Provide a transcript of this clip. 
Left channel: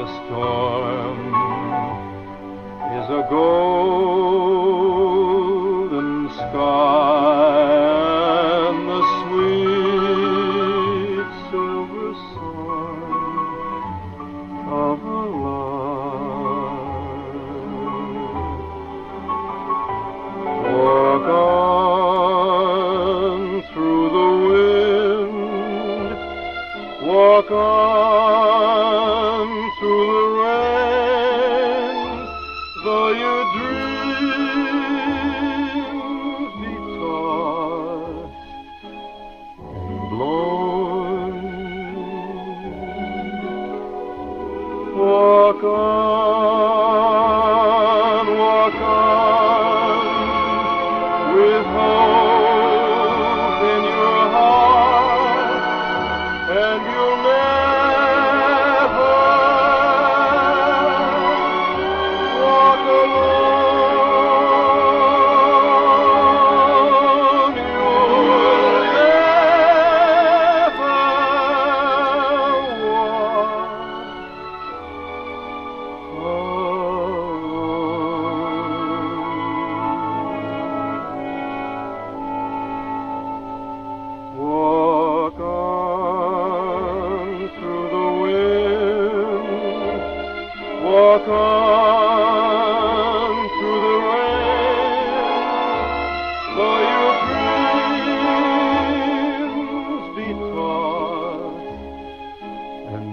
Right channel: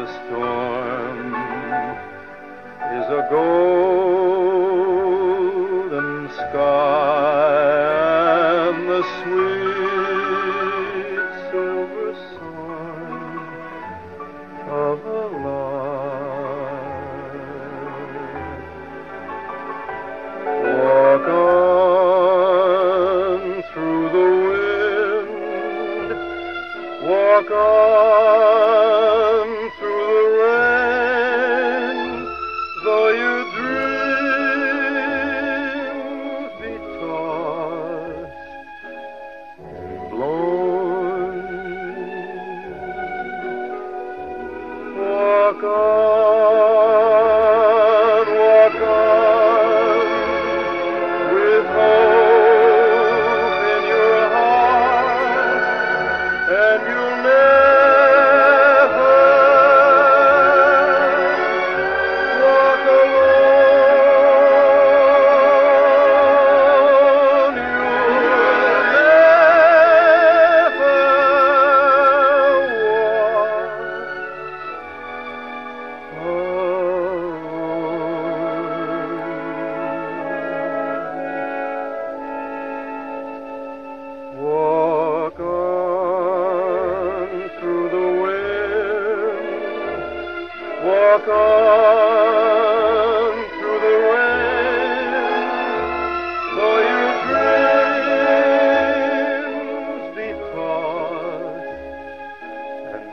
The storm is a golden sky, and the sweet silver song of a lark. Walk on through the wind, walk on through the rain, though your dreams be tossed and blown. Walk on, with hope in your heart, and you'll never walk alone. You'll never walk alone. Walk on through the wind, walk on through the rain, though your dreams be tossed and